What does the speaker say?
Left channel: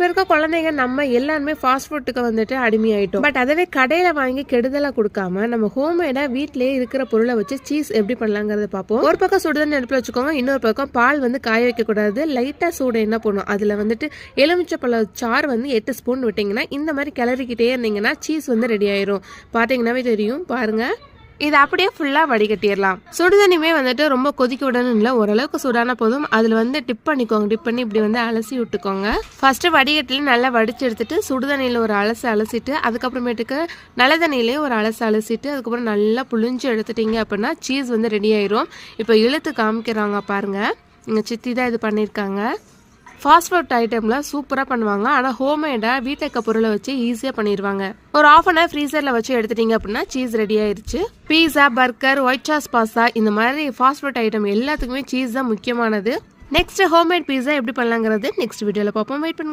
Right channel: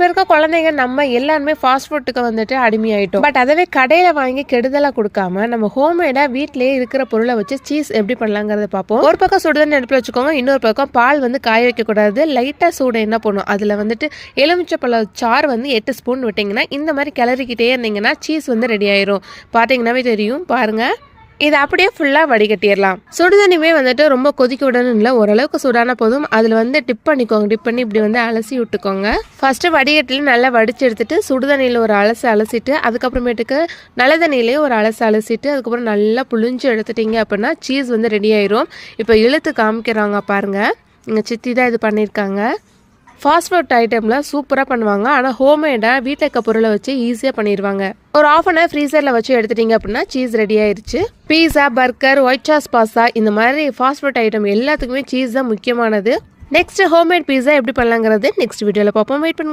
இப்போ இருக்க குழந்தைங்க நம்ம எல்லாருமே ஃபாஸ்ட் ஃபுட்டுக்கு வந்துட்டு அடிமையாயிட்டோம். பட் அதவே கடையில வாங்கி கெடுதலா கொடுக்காம நம்ம ஹோம்மேடா வீட்லயே இருக்கிற பொருளை வச்சு சீஸ் எப்படி பண்ணலாங்கிறத பார்ப்போம். ஒரு பக்கம் சுடுதண்ணி அடுப்பில் வச்சுக்கோங்க, இன்னொரு பக்கம் பால் வந்து காய வைக்க கூடாது. லைட்டா சூடு என்ன பண்ணும், அதுல வந்துட்டு எலுமிச்சப்பழ சாறு வந்து 8 ஸ்பூன் விட்டீங்கன்னா இந்த மாதிரி கிளறிக்கிட்டே இருந்தீங்கன்னா சீஸ் வந்து ரெடி ஆயிரும். பார்த்தீங்கன்னாவே தெரியும் பாருங்க. இதை அப்படியே ஃபுல்லாக வடிகட்டிடலாம். சுடுதண்ணியுமே வந்துட்டு ரொம்ப கொதிக்க விடணும் இல்லை, ஓரளவுக்கு சூடான போதும். அதில் வந்து டிப் பண்ணிக்கோங்க, டிப் பண்ணி இப்படி வந்து அலசி விட்டுக்கோங்க. ஃபர்ஸ்ட்டு வடிகட்டில் நல்லா வடிச்சு எடுத்துட்டு சுடுதண்ணியில் ஒரு அலசிட்டு அதுக்கப்புறமேட்டுக்கு நல்ல தண்ணியிலேயே ஒரு அலசிட்டு அதுக்கப்புறம் நல்லா புளிஞ்சு எடுத்துட்டீங்க அப்படின்னா சீஸ் வந்து ரெடி ஆயிரும். இப்போ இழுத்து காமிக்கிறாங்க பாருங்க, எங்கள் சித்தி தான் இது பண்ணியிருக்காங்க. ஃபாஸ்ட் ஃபுட் ஐட்டமில் சூப்பராக பண்ணுவாங்க. ஆனால் ஹோம்மேடாக வீட்டில் இருக்க பொருளை வச்சு ஈஸியாக பண்ணிடுவாங்க. ஒரு ½ அன் ஹவர் ஃப்ரீசரில் வச்சு எடுத்துட்டீங்க அப்படின்னா சீஸ் ரெடி ஆயிடுச்சு. பீஸா, பர்கர், ஒயிட் சாஸ் பாஸ்தா இந்த மாதிரி ஃபாஸ்ட் ஃபுட் ஐட்டம் எல்லாத்துக்குமே சீஸ் தான் முக்கியமானது. நெக்ஸ்ட் ஹோம்மேட் பீஸா எப்படி பண்ணலாங்கிறது நெக்ஸ்ட் வீடியோவில் பார்ப்போம். வெயிட் பண்ணுங்க.